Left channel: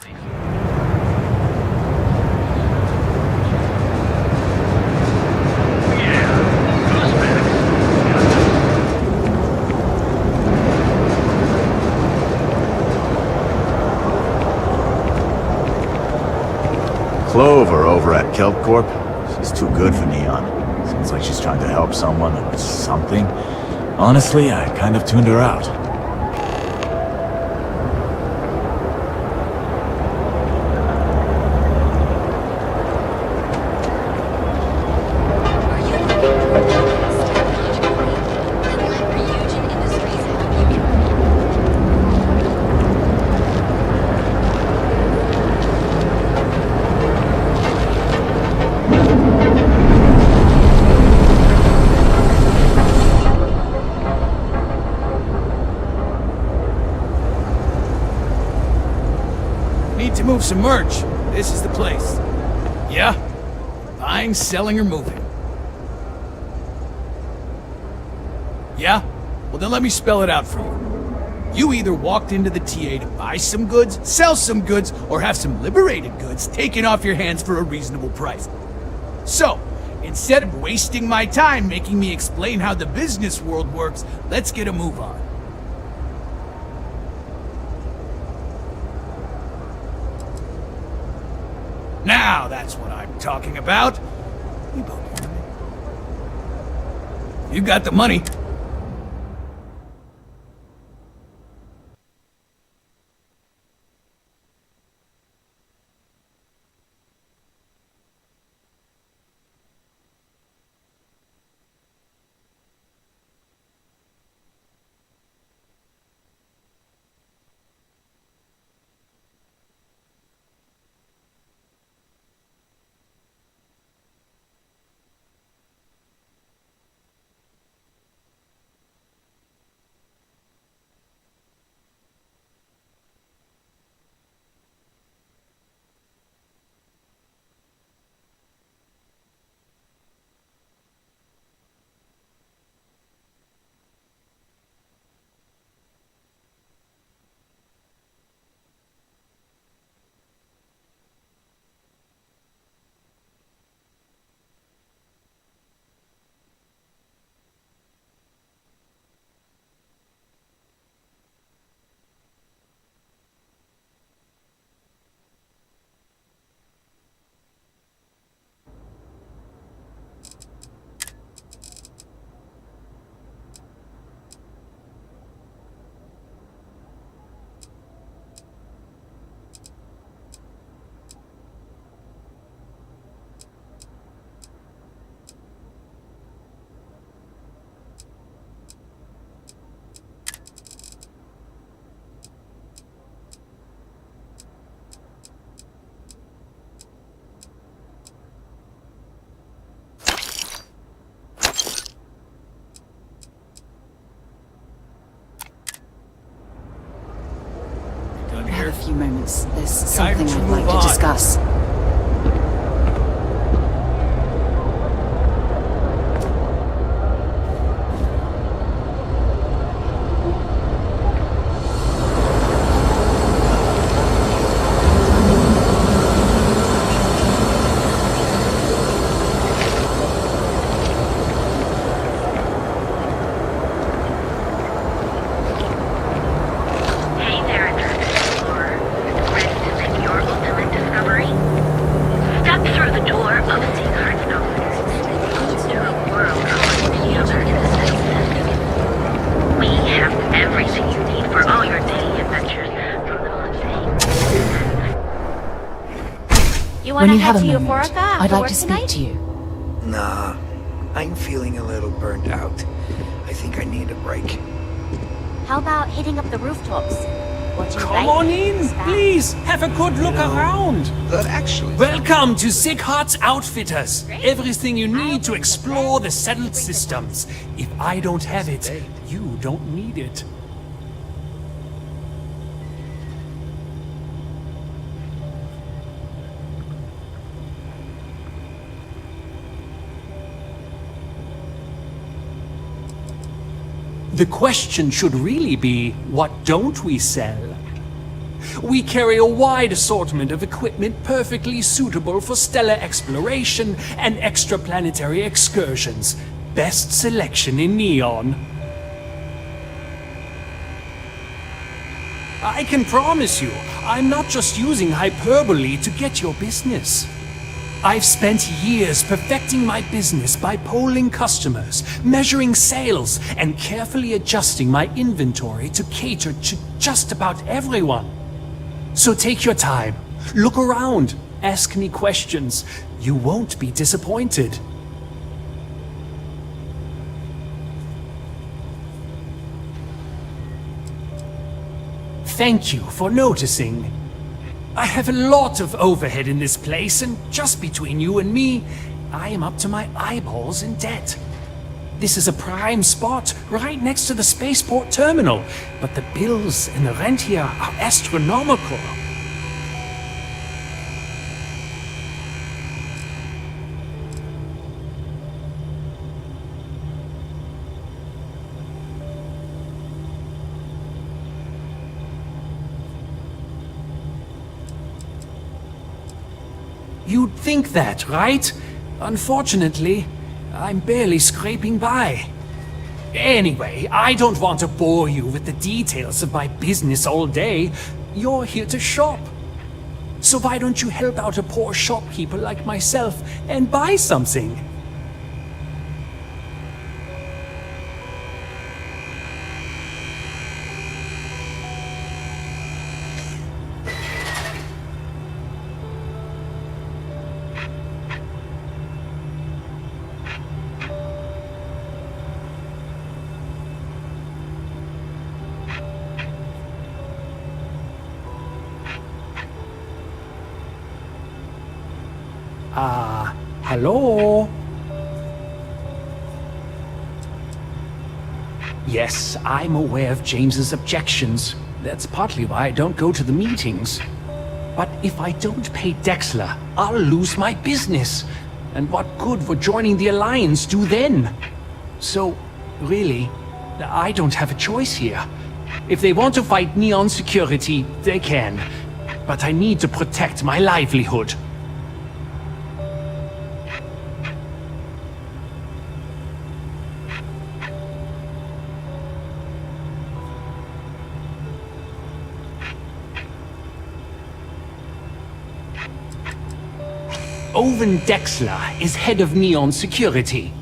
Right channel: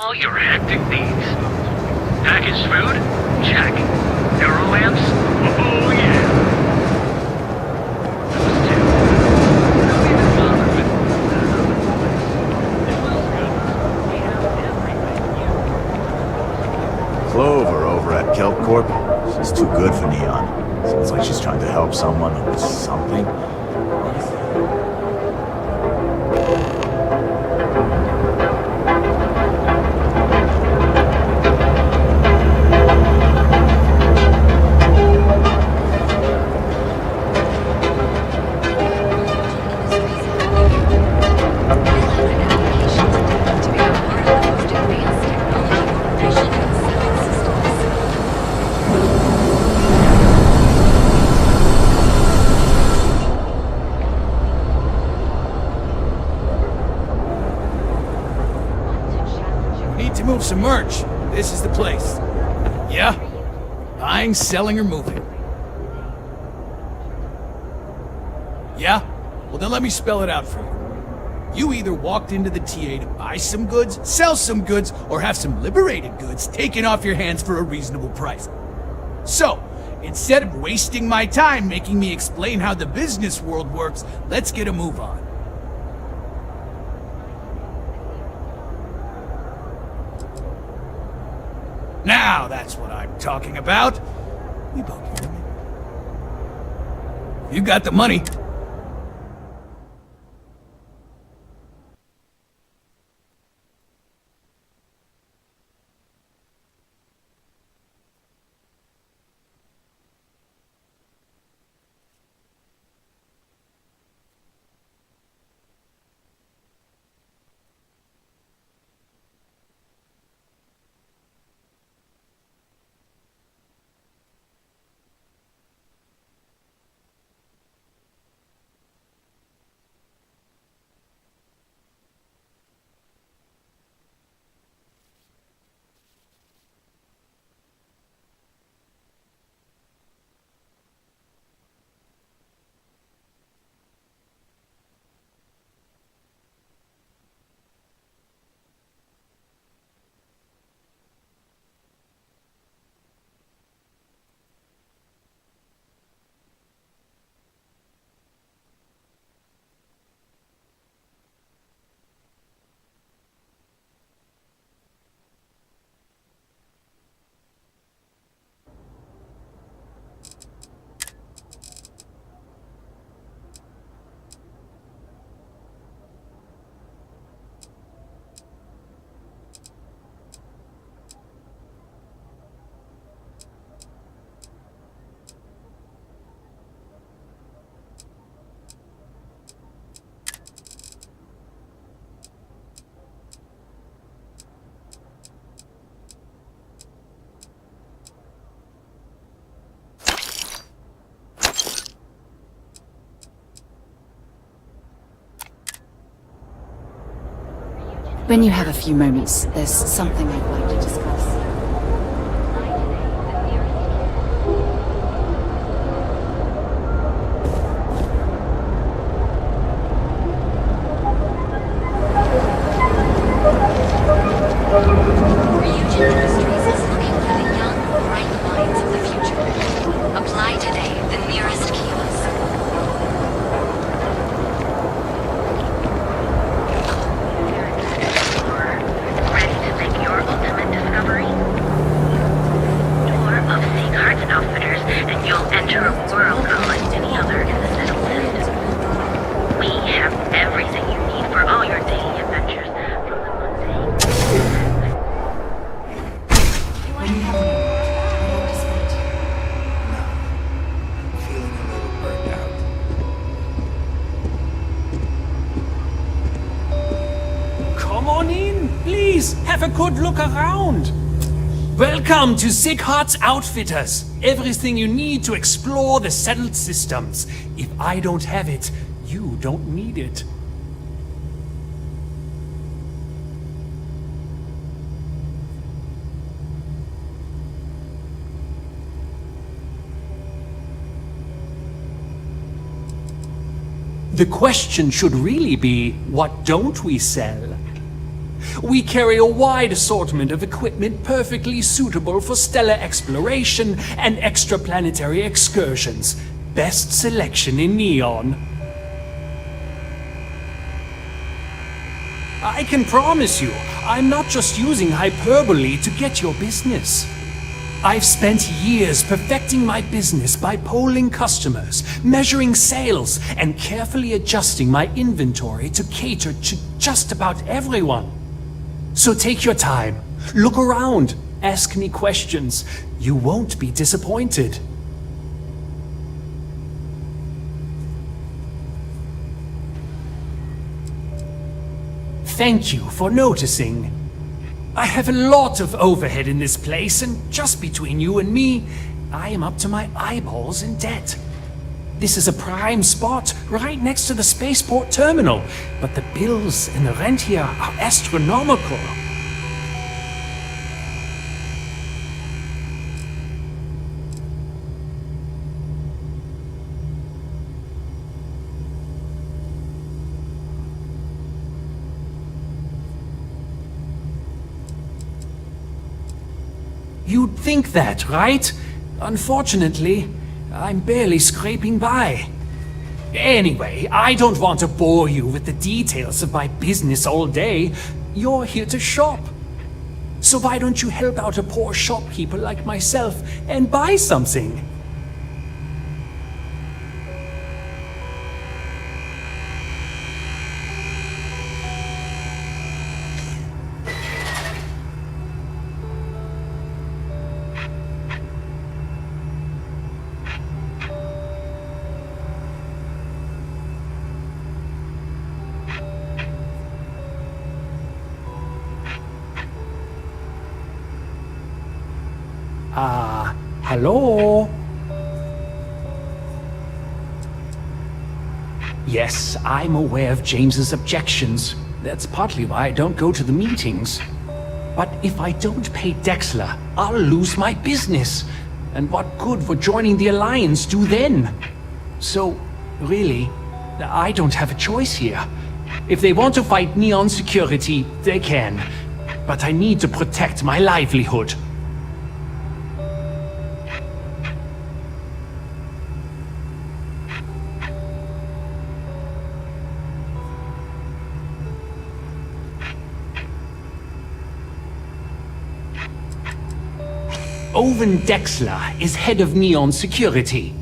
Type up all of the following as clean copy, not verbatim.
All your hectic needs. Packaged food? Check. Neural lamps? Oh yeah. Clover over at Kelp Corp. She's too good for Neon. Seems like she's trying to help someone or something. Honestly, I kind of tuned her out. Need to move some merch. This is the place. Yeah? Buying, selling, or moving? Yeah? Well then let me spell it out for you. You either walked into the TA to buy some goods, sell some goods, or have some liberated goods taken off your hands for a reasonable price. So, instead of wasting my time making me explain how the business world works, let's get a move on. Now that's what I'm talking about. You both want me. You got the money. When you have a few moments, there's something I'd like to discuss. When you have a moment, I'd like to speak to you. Nah, I'm feeling a little burnt out. I think I need a break. How about hitting up the rooftops? Come on in, please. Have a good look around. Actually... Welcome to Sick Hearts Outfitters. Everything you need to explore the settled systems. If I don't have it, you don't need it. The question should really be, what don't we sell? We carry a wide assortment of equipment perfectly suitable for stellar exploration and extraplanetary excursions. Best selection in Neon. I can promise you, I'm not just using hyperbole to get your business. I've spent years perfecting my business by polling customers, measuring sales, and carefully adjusting my inventory to cater to just about everyone. So take your time, look around, ask me questions. You won't be disappointed. Thank you for noticing. I have a lot of overhead in this place, and just between you and me, I am up to my eyeballs in debt. This is a prime spot, right next to the spaceport terminal, but the bills and the rent here are astronomical. You'd think that, right? Unfortunately, I'm barely scraping by. Anyway, I don't want to bore you with the details of my business all day. You're here to shop. So why don't you help out a poor shopkeeper like myself and buy something? Hello? Yes, I'm aware of James's objections. That's partly why I don't go to the meetings. But if I don't pay Dexler, I'll lose my business. And what good would joining the Alliance do then? So, really, I don't have a choice here. If they want to fight Neon Security, they can. But I need to protect my livelihood. Owen Dexler is head of Neon Security,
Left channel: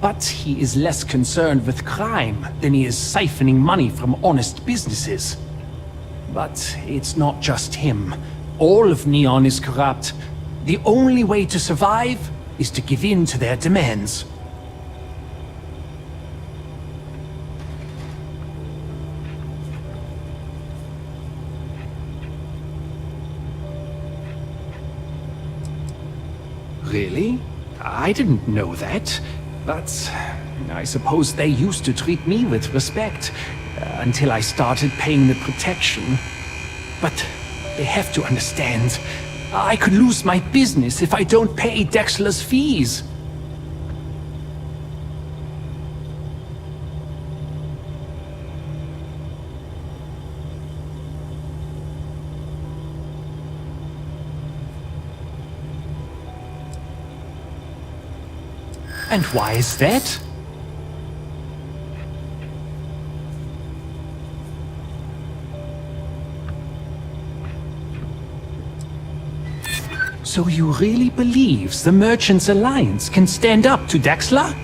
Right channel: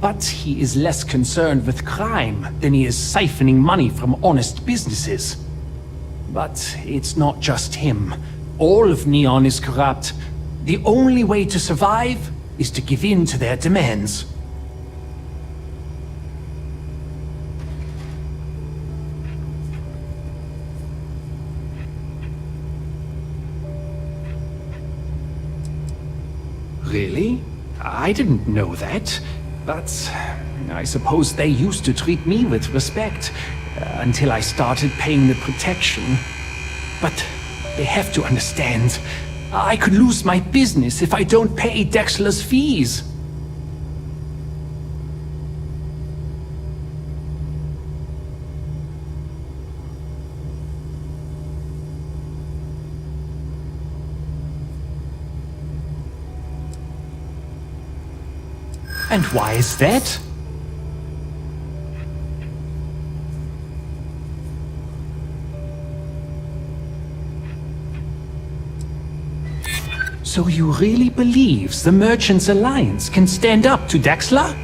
but he is less concerned with crime than he is siphoning money from honest businesses. But it's not just him. All of Neon is corrupt. The only way to survive is to give in to their demands. Really? I didn't know that. But I suppose they used to treat me with respect until I started paying the protection. But they have to understand. I could lose my business if I don't pay Dexler's fees. And why is that? So you really believe the Merchants Alliance can stand up to Dexler?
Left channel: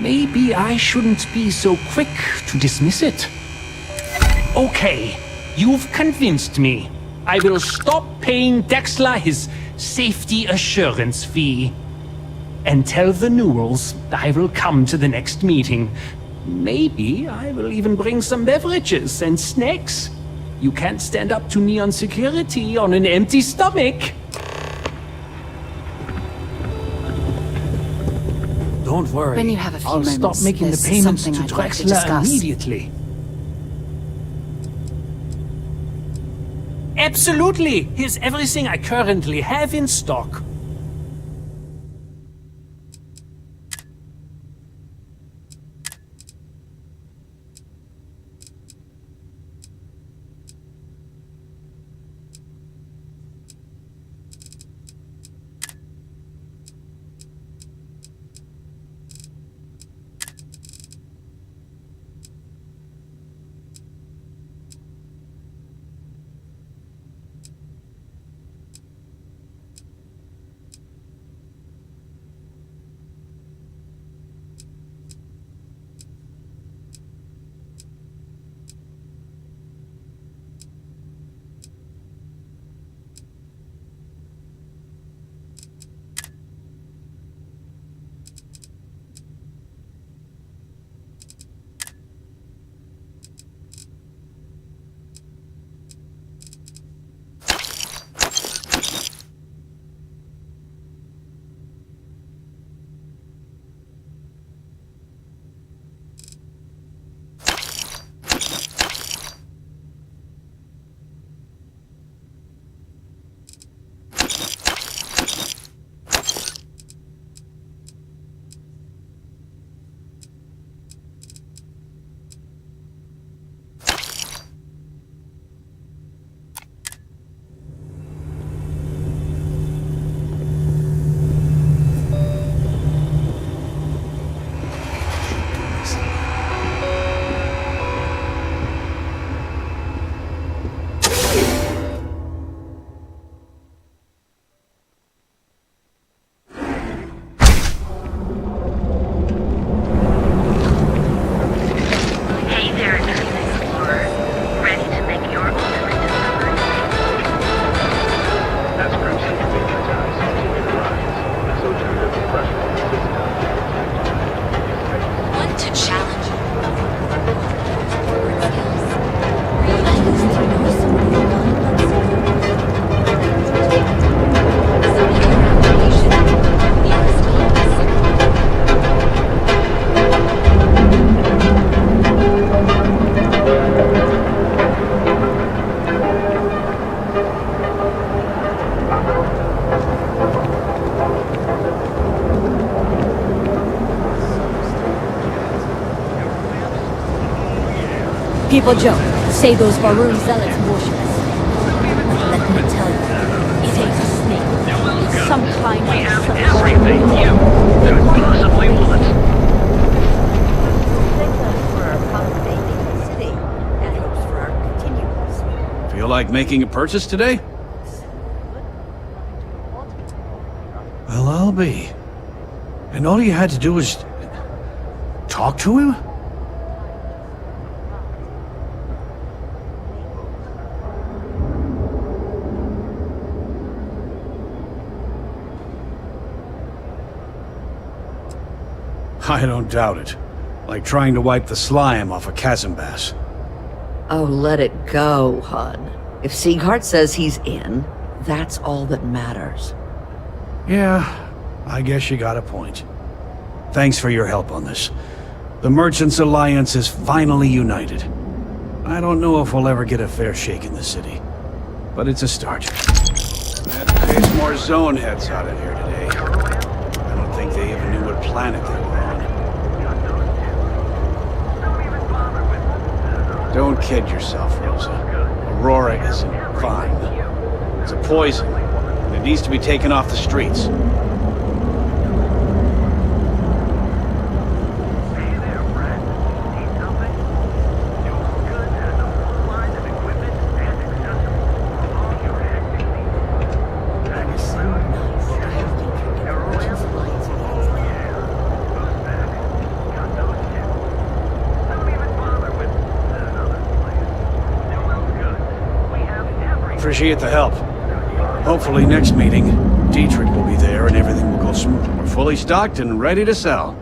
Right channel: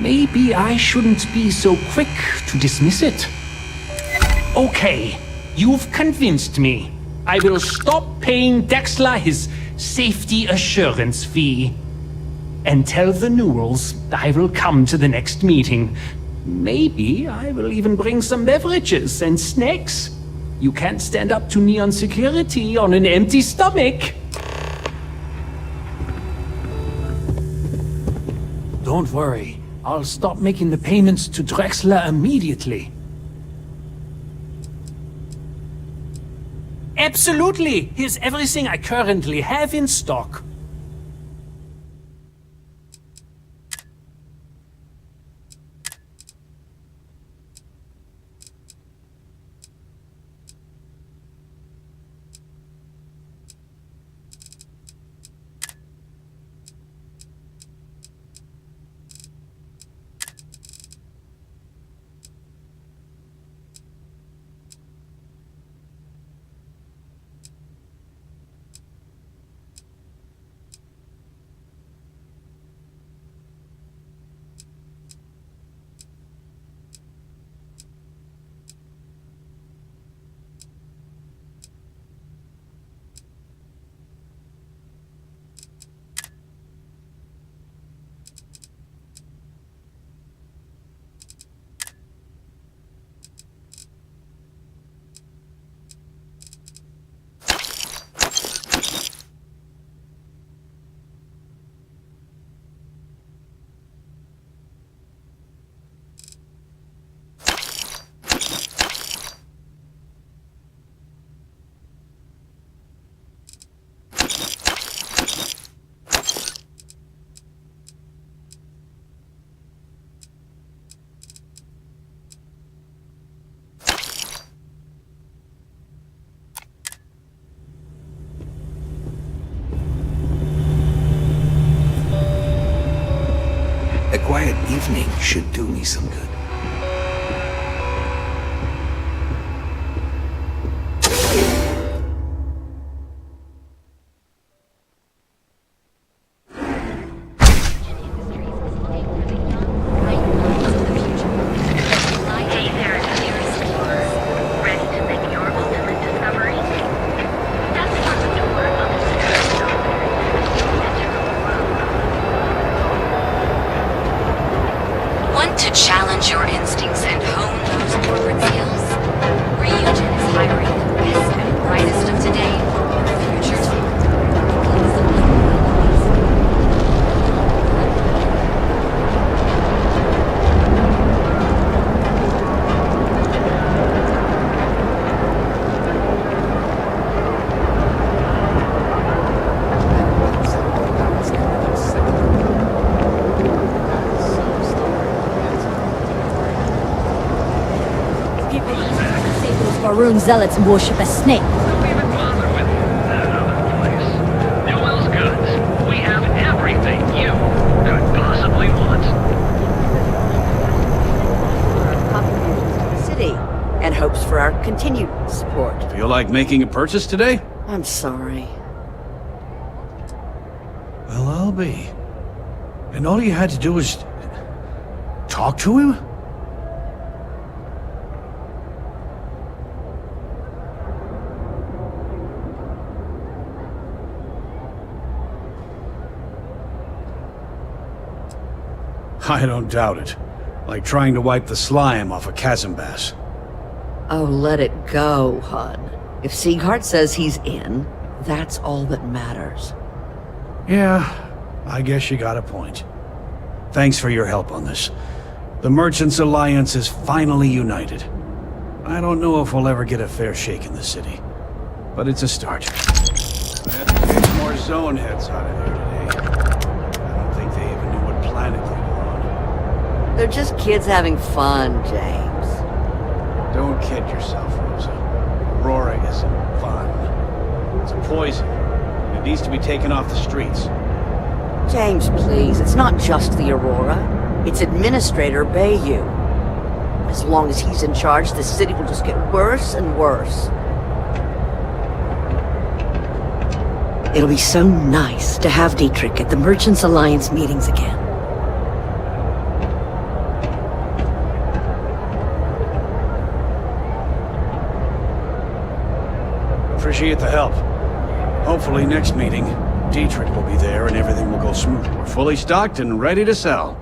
Maybe I shouldn't be so quick to dismiss it. Okay, you've convinced me. I will stop paying Dexler his safety assurance fee. And tell the Newells I will come to the next meeting. Maybe I will even bring some beverages and snacks. You can't stand up to Neon Security on an empty stomach. Don't worry. When you have a few I'll stop moments, making the there's payments something to I'd like to Drexler discuss. immediately. Absolutely! Here's everything I currently have in stock. some good. Hey there, Adventure Explorer. Ready to make your ultimate discovery? Want to challenge your instincts and hone those corporate skills? Reuse high-risk crisis of today. Futures field. Assembly application. People joke, say those Varun zealots worship a snake. Newell's Goods. We have everything you could possibly want. For our contributions to the city, and hopes for our continued support. Feel like making a purchase today? I'm sorry. Well, I'll be. And all you had to do was... talk to him? I don't doubt it. Like trying to wipe the slime off a chasm bass. Oh, let it go, hon. If Sieghart says he's in, that's all that matters. Yeah, I guess you got a point. Thanks for your help on this. The Merchants Alliance is finally united. I don't know if we'll ever get a fair shake in the city, but it's a start. I had to chase more zone heads out of here today. I don't think they even knew what planet they were on. They're just kids having fun, James. Don't kid yourself, Rosa. Aurora isn't fine. It's a poison, and it needs to be taken off the streets. James, please, it's not just the Aurora. It's Administrator Bayou. As long as he's in charge, the city will just get worse and worse. It'll be so nice to have Dietrich at the Merchants Alliance meetings again. Appreciate the help. Hopefully next meeting, Dietrich will be there and everything will go smooth. We're fully stocked and ready to sell.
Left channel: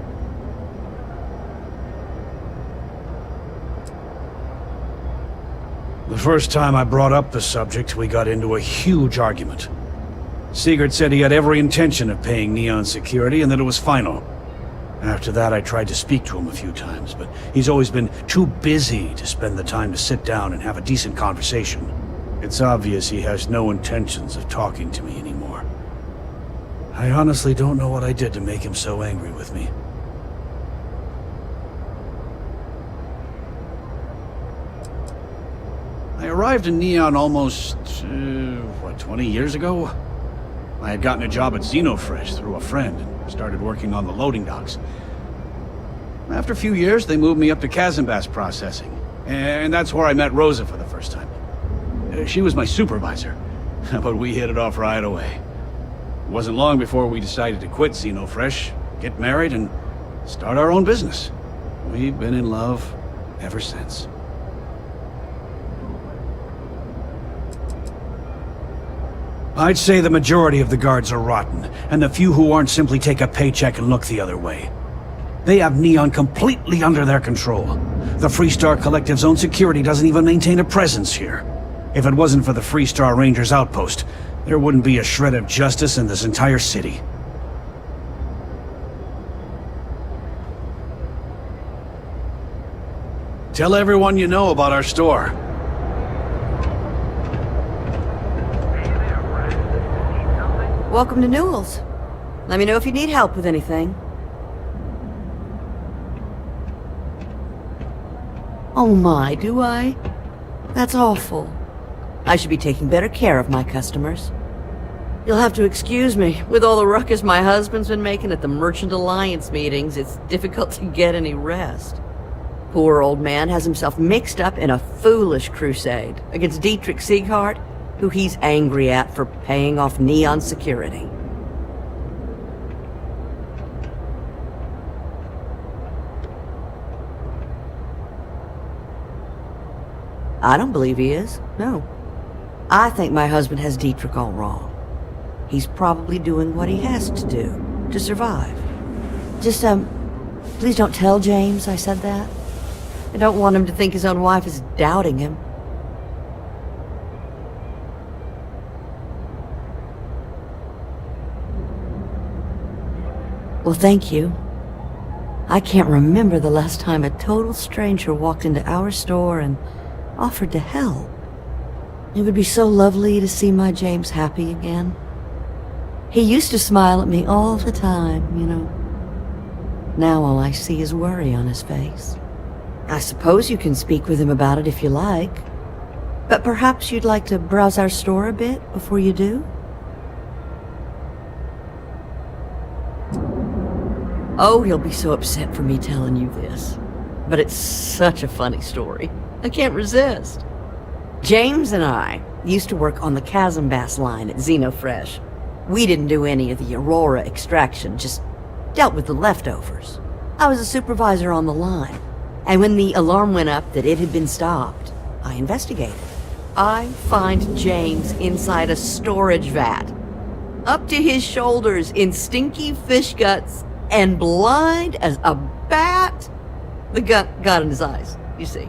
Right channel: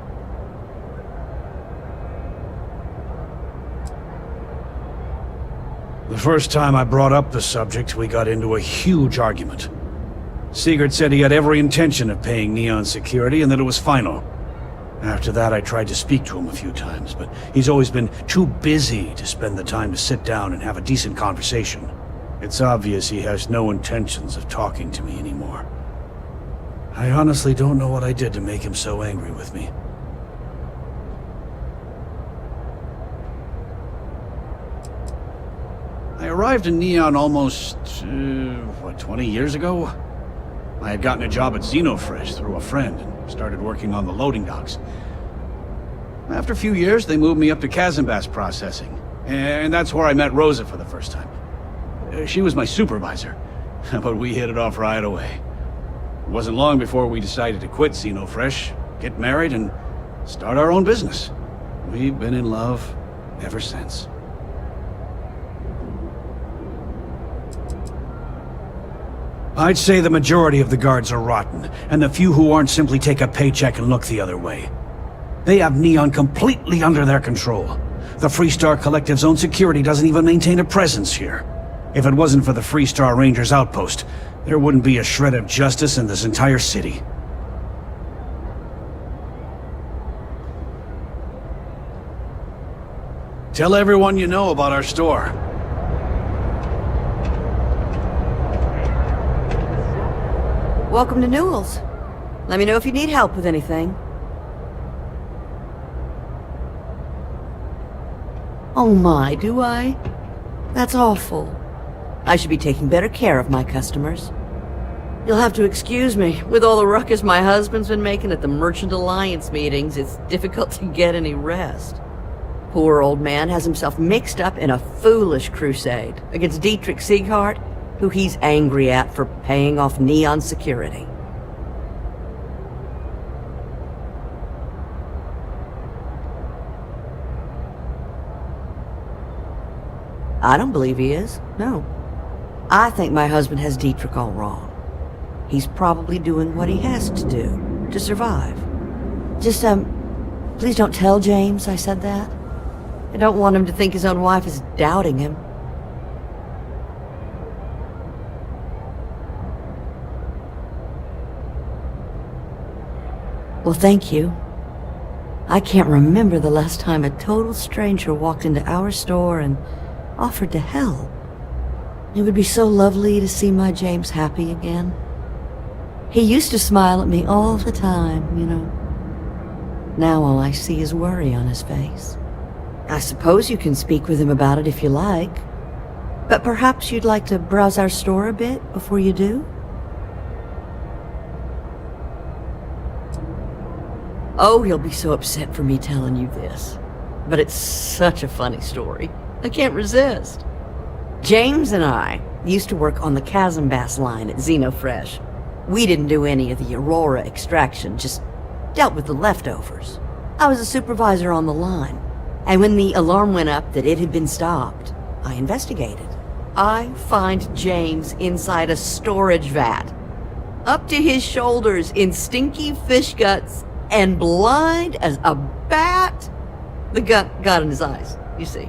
The first time I brought up the subject, we got into a huge argument. Sigurd said he had every intention of paying Neon security and that it was final. After that, I tried to speak to him a few times, but he's always been too busy to spend the time to sit down and have a decent conversation. It's obvious he has no intentions of talking to me anymore. I honestly don't know what I did to make him so angry with me. I arrived in Neon almost, 20 years ago? I had gotten a job at Xenofresh through a friend and started working on the loading docks. After a few years, they moved me up to Chasmbass processing, and that's where I met Rosa for the first time. She was my supervisor, but we hit it off right away. It wasn't long before we decided to quit Xenofresh, get married, and start our own business. We've been in love ever since. I'd say the majority of the guards are rotten, and the few who aren't simply take a paycheck and look the other way. They have Neon completely under their control. The Freestar Collective's own security doesn't even maintain a presence here. If it wasn't for the Freestar Rangers outpost, there wouldn't be a shred of justice in this entire city. Tell everyone you know about our store. Welcome to Newell's. Let me know if you need help with anything. Oh my, do I? That's awful. I should be taking better care of my customers. You'll have to excuse me. With all the ruckus my husband's been making at the Merchant Alliance meetings, it's difficult to get any rest. Poor old man has himself mixed up in a foolish crusade against Dietrich Sieghart, who he's angry at for paying off Neon security. I don't believe he is, no. I think my husband has Dietrich all wrong. He's probably doing what he has to do to survive. Just, please don't tell James I said that. I don't want him to think his own wife is doubting him. Well, thank you. I can't remember the last time a total stranger walked into our store and offered to help. It would be so lovely to see my James happy again. He used to smile at me all the time, you know. Now all I see is worry on his face. I suppose you can speak with him about it if you like. But perhaps you'd like to browse our store a bit before you do? Oh, he'll be so upset for me telling you this. But it's such a funny story. I can't resist. James and I used to work on the Chasm Bass line at Xenofresh. We didn't do any of the Aurora extraction, just dealt with the leftovers. I was a supervisor on the line, and when the alarm went up that it had been stopped, I investigated. I find James inside a storage vat, up to his shoulders in stinky fish guts, and blind as a bat. The gut got in his eyes, you see.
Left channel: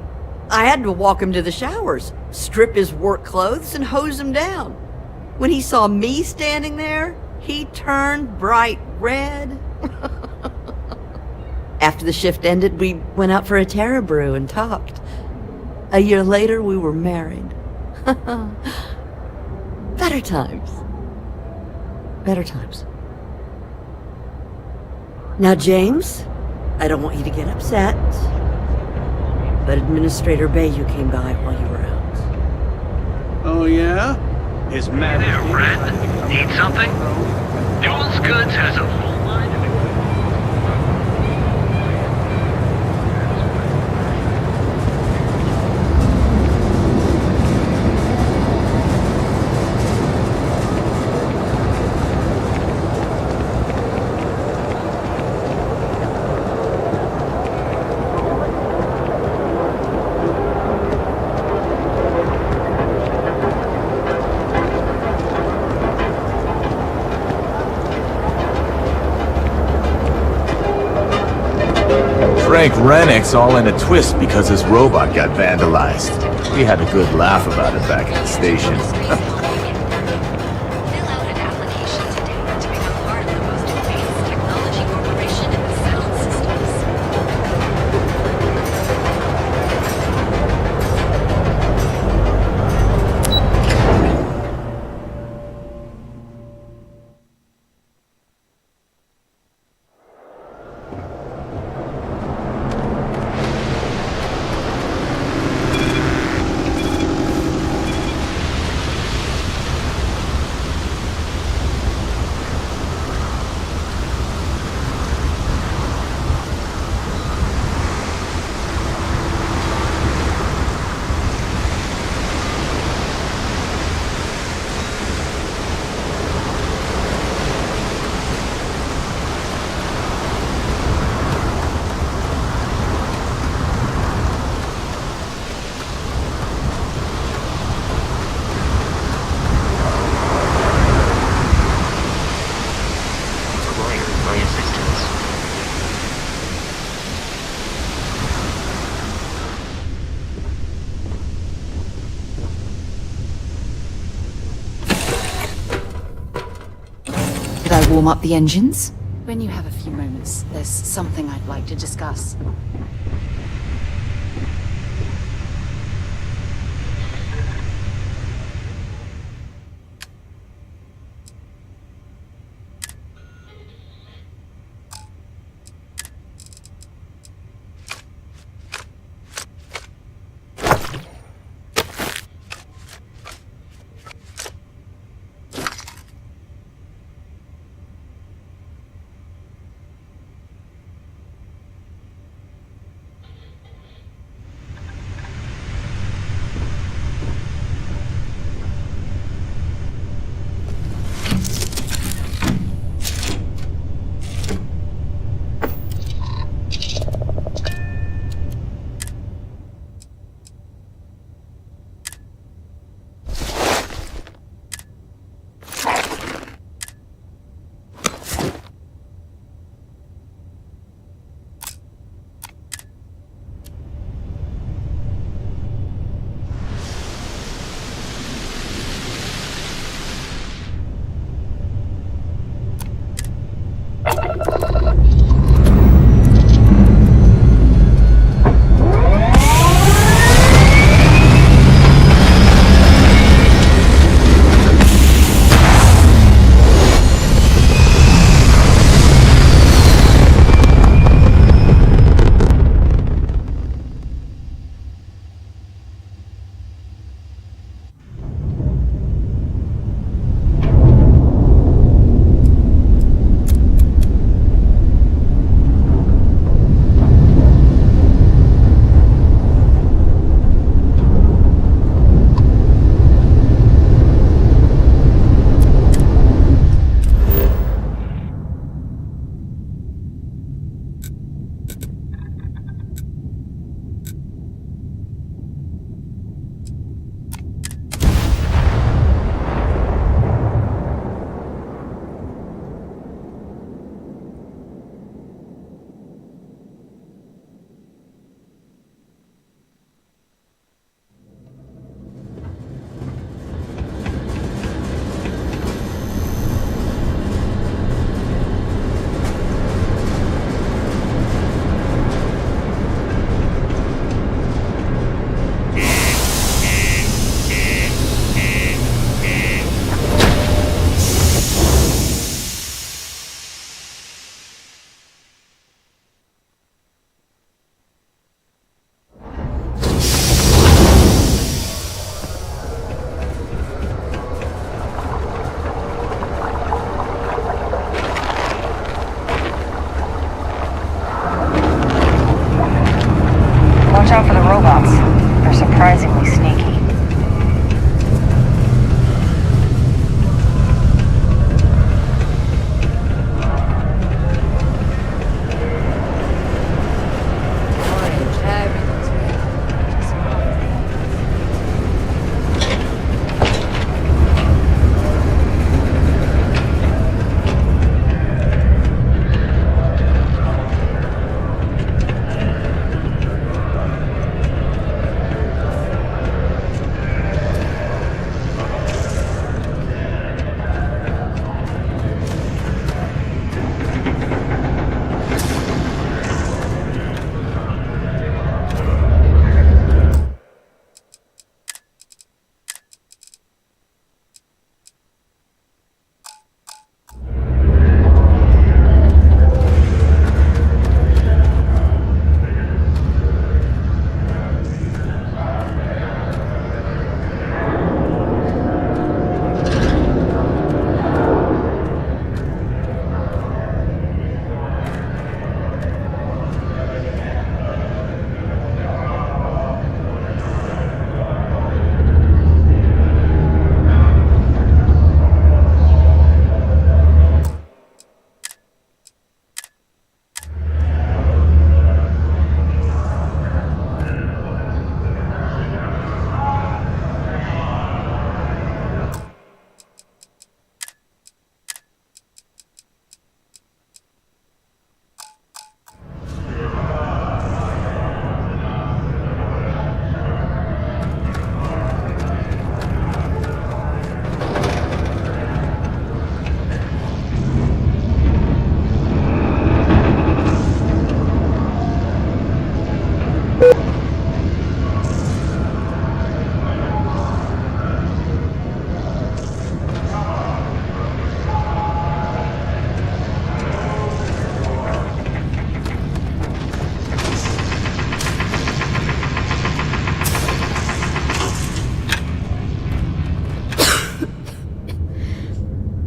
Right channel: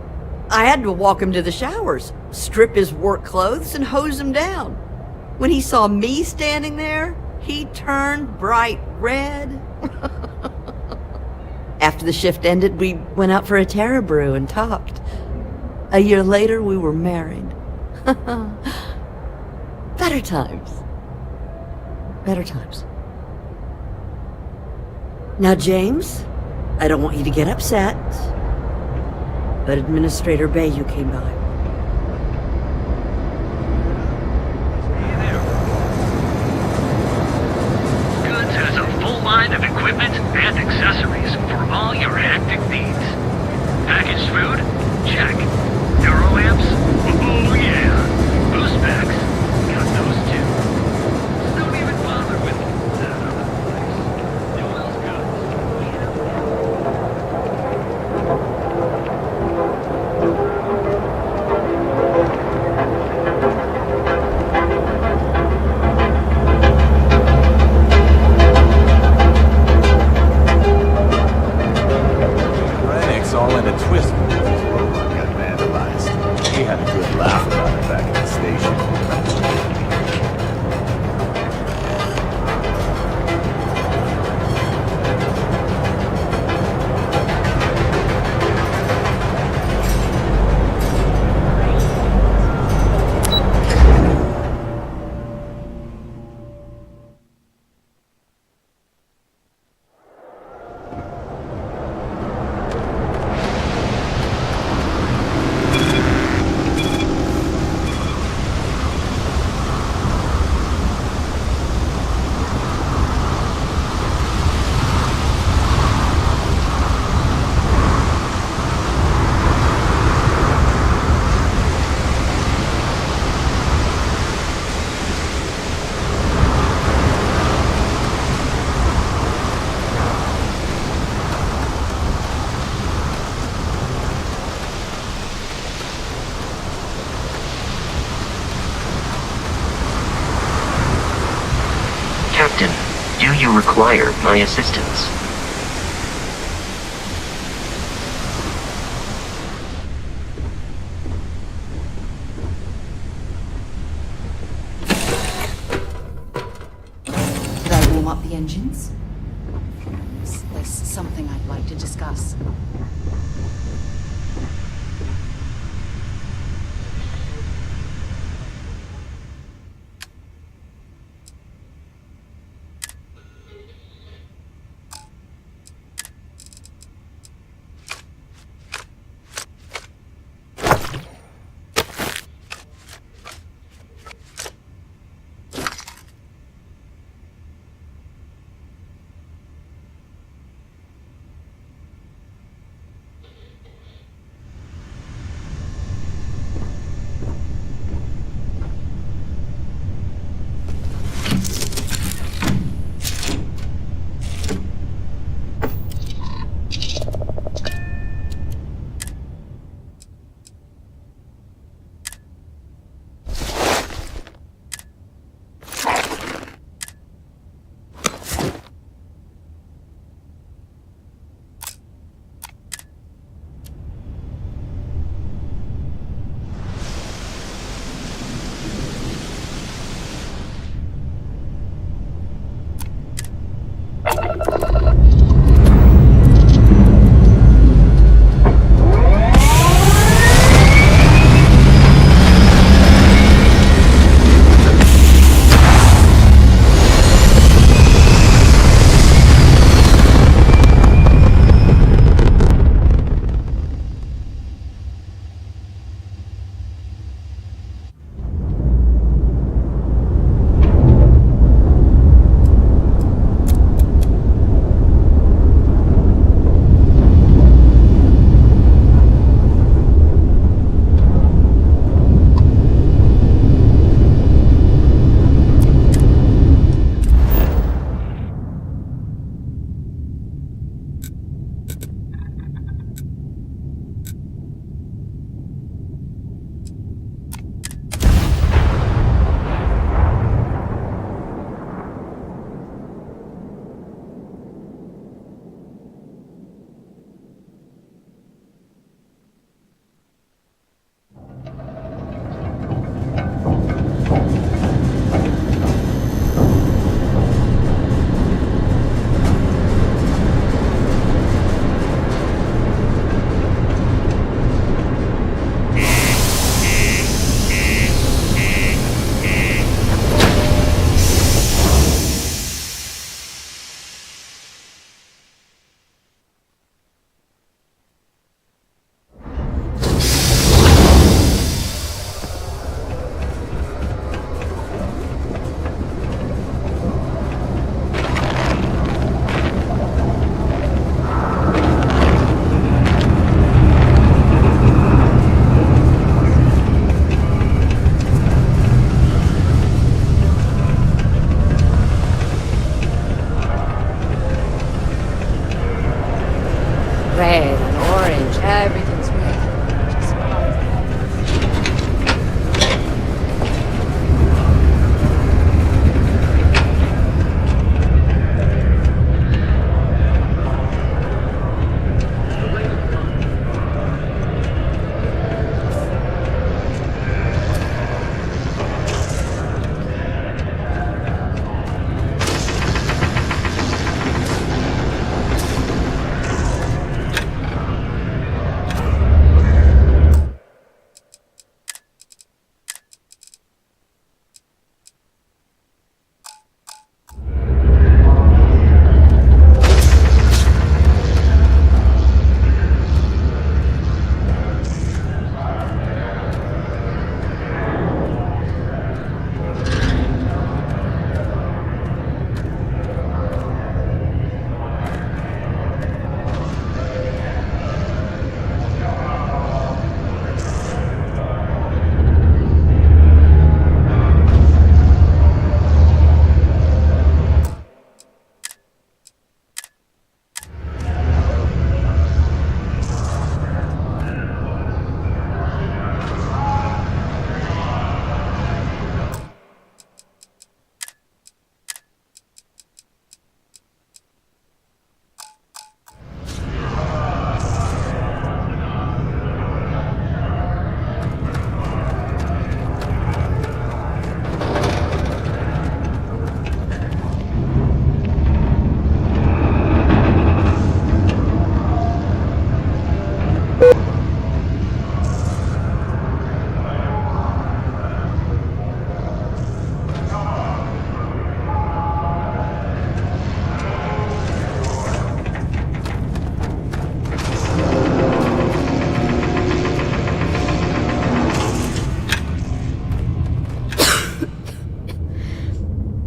I had to walk him to the showers, strip his work clothes, and hose him down. When he saw me standing there, he turned bright red. After the shift ended, we went out for a Terra brew and talked. A year later, we were married. Better times. Better times. Now, James, I don't want you to get upset, but Administrator Bayou came by while you were out. Oh, yeah? Hey there, friend. Need something? Duels Goods has a full line of equipment and accessories for all your hectic needs. Packaged food? Check. Euro lamps? Oh yeah. Boost packs? Got those too. Don't even bother with it. Duels Rennick's all in a twist because his robot got vandalized. We had a good laugh about it back at the station. Require my assistance. Did I warm up the engines? When you have a few moments, there's something I'd like to discuss.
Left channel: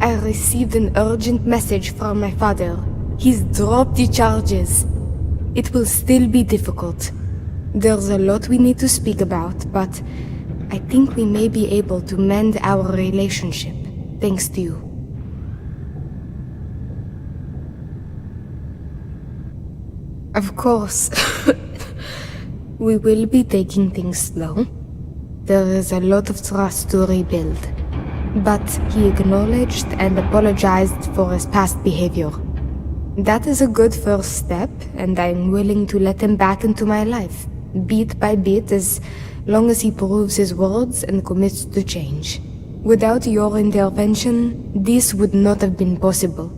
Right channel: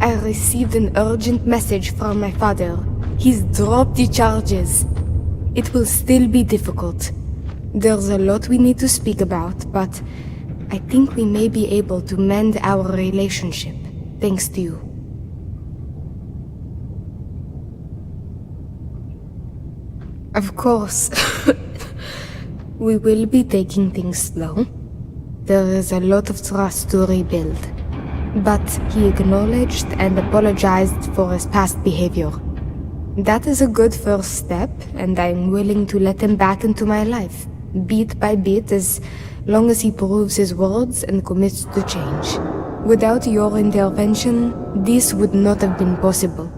I received an urgent message from my father. He's dropped the charges. It will still be difficult. There's a lot we need to speak about, but I think we may be able to mend our relationship, thanks to you. Of course, we will be taking things slow. There is a lot of trust to rebuild. But he acknowledged and apologized for his past behavior. That is a good first step, and I'm willing to let him back into my life, bit by bit, as long as he proves his words and commits to change. Without your intervention, this would not have been possible.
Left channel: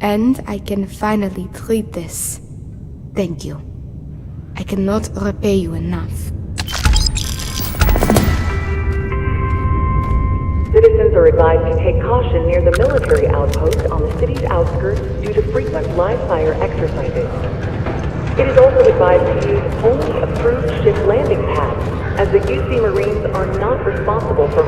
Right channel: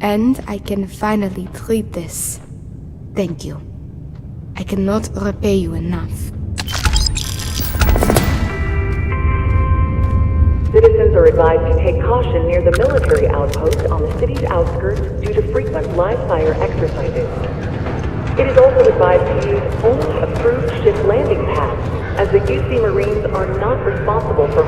And I can finally treat this. Thank you. I cannot repay you enough. Citizens are advised to take caution near the military outpost on the city's outskirts due to frequent live-fire exercises. It is also advised to use only approved ship landing pads, as the UC Marines are not responsible for